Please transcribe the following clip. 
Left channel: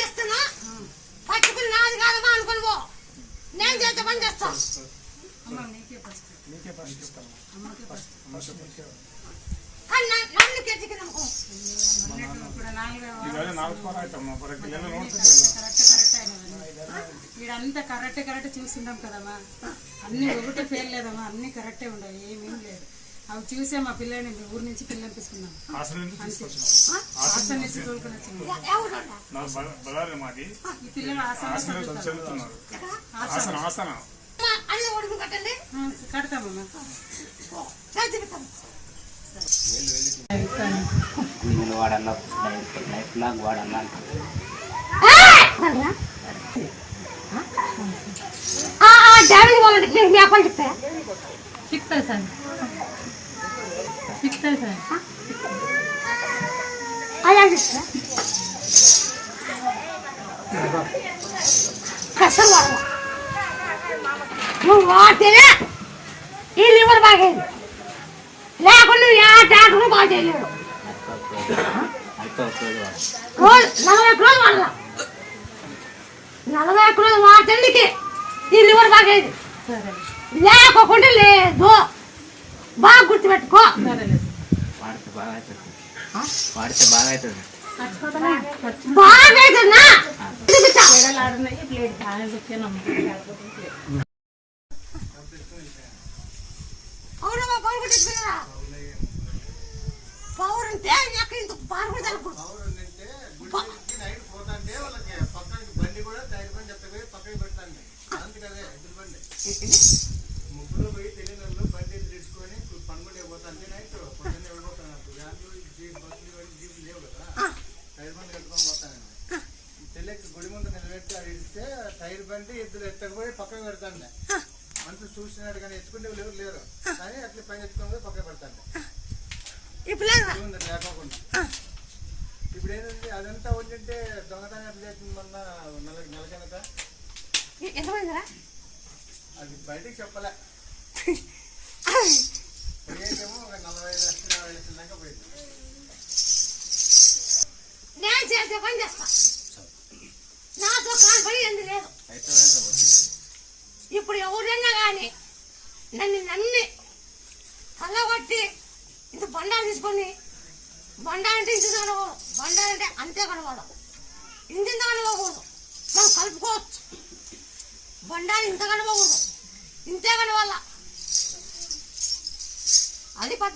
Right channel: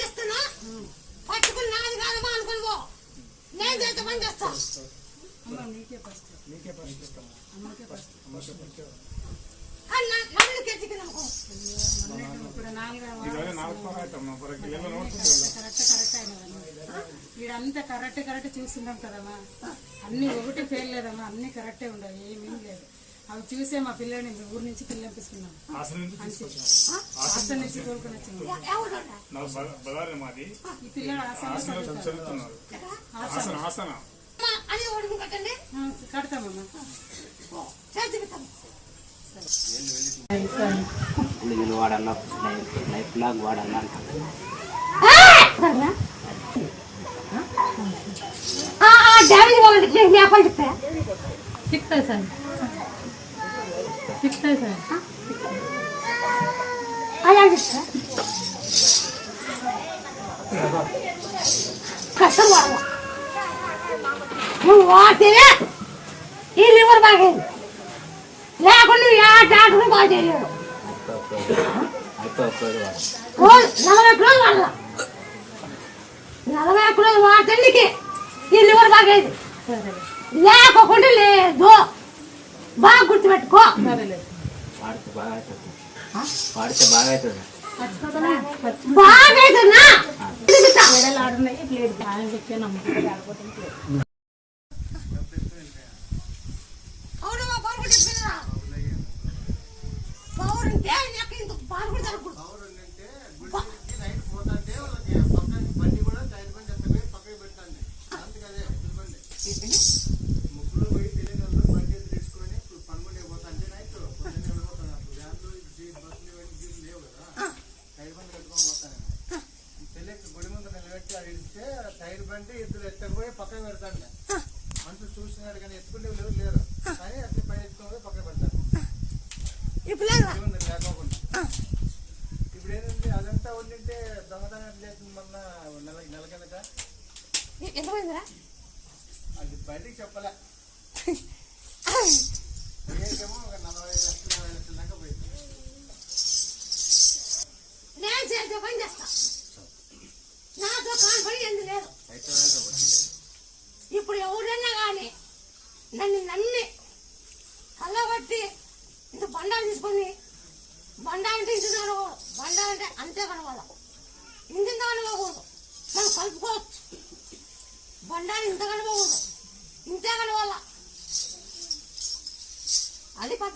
చేస్తున్నా పట్టుకుని నాది కాదమ్మా అనుకుని పో. నేను చేసే పని చేస్తా. వీడంతా కరెక్ట్ చూస్తున్నాం కదమ్మా. అన్ని ఒకటి ఫెయిల్ లేదమ్మా, అన్ని కరెక్టే ఉండవు, ఏమేం లేదు. అవి చూసే మా పిల్లని ఊరి నుంచి పిల్లంపిస్తున్నాం. హాస్టల్ నుంచి తోలుకొని వచ్చినాం. ఈ పిల్లలు కడతామమ్మా. వాడన్నా లైఫ్ లాగ్ వాడన్నా సిక్తా సార్ కష్టం వాడమ్మా. నువ్వు వాడితేనే ఈ లివర్ బాగేది, లేకుండా నువ్వు ఏ డాక్టర్ బాగా చేయలేడు. 40 రోజులు వాడాల. 40 రోజులు వాడటానికి ఈ లివర్ బాగేది, లేకోకుండా లేదు. బాగా గుర్తుపెట్టుకో. వాడితే బాగా అవుతుంది. బాగా అవుతుందా? అవునమ్మా, పవర్ కొట్టేసుకున్నారా? పవర్ ఉంటే ఇంత పవర్ కూడా జరగకూడదు. ముగ్గురు పోయి తెలియని వాళ్ళు బండి తెచ్చుకొని పనుకుంటే పోతా అంటే నైట్ పొద్దున్నే వెళ్ళిపోతాను. అప్పుడు వ్యాన్లు బస్సులు జీపులు లేవు కదా, టైర్ బండి కట్టుకొని పోతాను. తెలియక గుడి ముందు నిలబెట్టి అది ఇస్తే టైర్ బండి ఇద్దరు ఎత్తకపోయి పక్కన పెడతాను. మనుషులు చూసినాడు కానీ ఎత్తుకుంటే ఎవరు లేరు, కానీ అట్లా పైన ఎత్తుకొని పక్కన పెడతాను లేకోకుండా. ఇప్పుడు ఏంటంటే అదంతా ఉంటే దొంగతనం ఎట్లా చేస్తుంది. మొన్న నెల కిందట అది బయటికి చెప్పలే. పోయేకేమో ఒక 45 లక్షలు 40 లక్షల దాకా పోయింది. నేను చేసే పని చేస్తా, నాతో కాని ఏంది లేదు. ఇప్పుడు ఎవరైనా కానీ నన్ను నమ్మి కళ్ళగొట్టి ఇంత బండాలు తీసుకొని, బండాలంటే ఇంత కనకూడదు, బండాలంటే అంతే కనవాలి, ఇంత కనకూడదు. మనం కలుపుకోవచ్చు. బండాలు ఇంత కనకూడదు, ఇంతే కనవాల. అది పద్ధతి.